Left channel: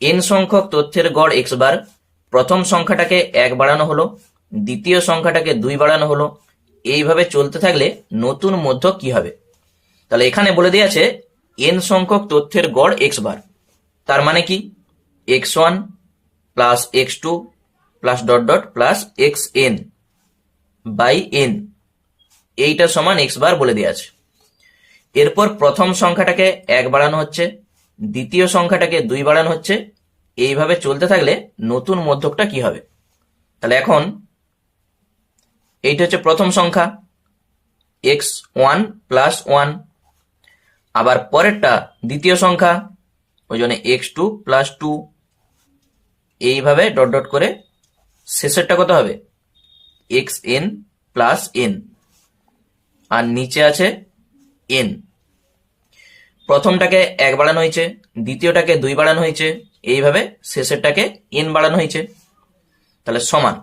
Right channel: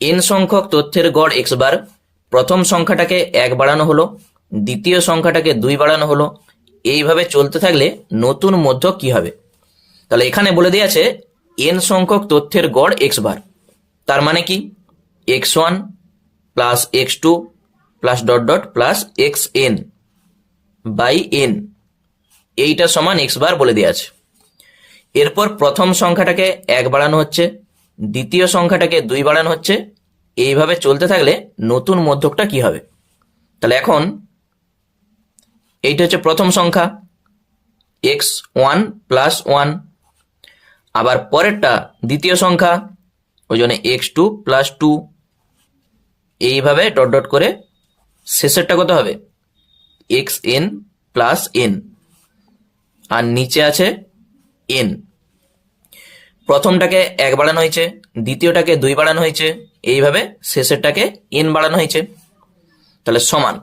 N সংখ্যক তথ্যের গড় এক্স বার, প্রথম সংখ্যাটাকে 1 বাড়ানো হলো, দ্বিতীয় সংখ্যাটাকে 2 বাড়ানো হলো, এইভাবে চলতে থাকলে নতুন মধ্যক কি হবে? তাহলে এখানে বলে দিয়েছে এন সংখ্যক তথ্যের গড় এক্স বার, তার মানে কি x1 plus x2 plus dot dot plus xn by n, এইটা সমান এক্স বার বলে দেওয়া আছে। এরপর প্রথম সংখ্যাটাকে 1 বাড়ানো হচ্ছে, দ্বিতীয় সংখ্যাটাকে 2 বাড়ানো হচ্ছে, এইভাবে চলতে থাকলে নতুন মধ্যকটা কি হবে? তাহলে এখন এইটা হচ্ছে প্রথম সংখ্যা x1 প্লাস 1, আবার পরেরটা দ্বিতীয় সংখ্যা, ওই জন্য x2 প্লাস 2, এইভাবে ডট ডট করে শেষেরটা কত হবে? xn প্লাস n, আর নিচে আছে n। প্রথমটাকে 1 বাড়ানো হয়েছে, দ্বিতীয়টাকে 2 বাড়ানো হয়েছে, এইভাবে শেষেরটাকে n বাড়ানো হয়েছে। তাহলে সমান,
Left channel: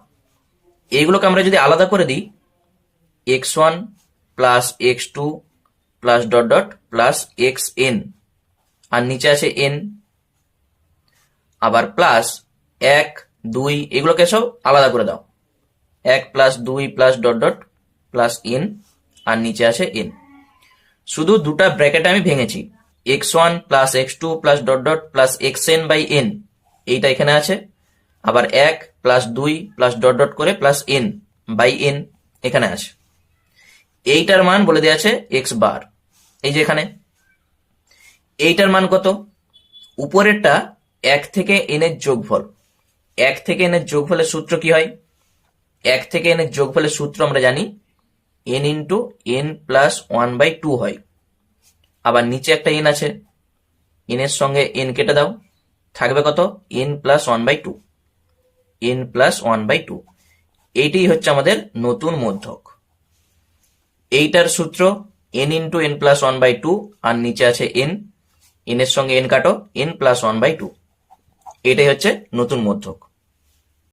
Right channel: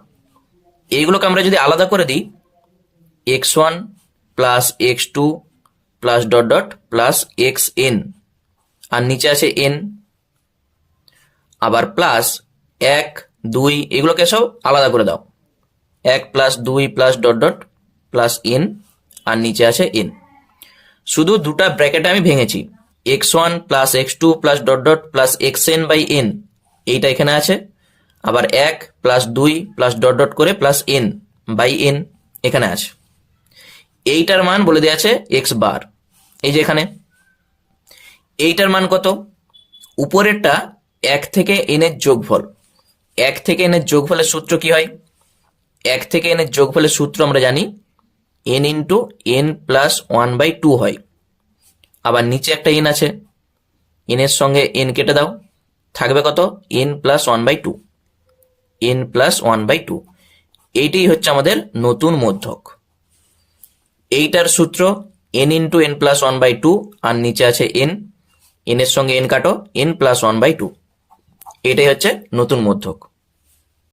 এইগুলোকে আমরা যদি আলাদা করে দিই, x1 plus x2 plus dot dot plus xn, আর নিচে আছে n, আবার প্লাস 1 2, এগুলোকে সব আলাদা করে দাও, 1 plus 2 plus dot dot plus n, আর নিচে আছে n। শুধু দুটা ব্র্যাকেট আমি ভেঙেছি, x1 plus x2 plus dot dot plus xn by n, এইটা এখানে আছে, আবার 1 প্লাস 2 প্লাস ডট ডট করে প্লাস n বাই n এখানে আছে। এইটার মান বলে দেওয়া আছে এক্স বার, এই যে এখানে। এইটার মান কত? উপরেরটা 1 থেকে n এর যোগফল, 1 থেকে n এর যোগফলের সূত্র কি হয়? 1 থেকে n এর যোগফলের সূত্র আমরা জানি n ইন্টু n প্লাস 1/2 হয়। আবার নিচে একটা n আছে, n এর সঙ্গে n কেটে দাও, থাকবে কত? n প্লাস 1/2, n প্লাস 1/2, এইটাই হচ্ছে আমাদের নতুন মধ্যক। এইটার সূত্র n ইন্টু n প্লাস 1/2, আর নিচে আছে n, n এর সঙ্গে n কাটো, n প্লাস 1/2, এটাই হচ্ছে নতুন মধ্যক।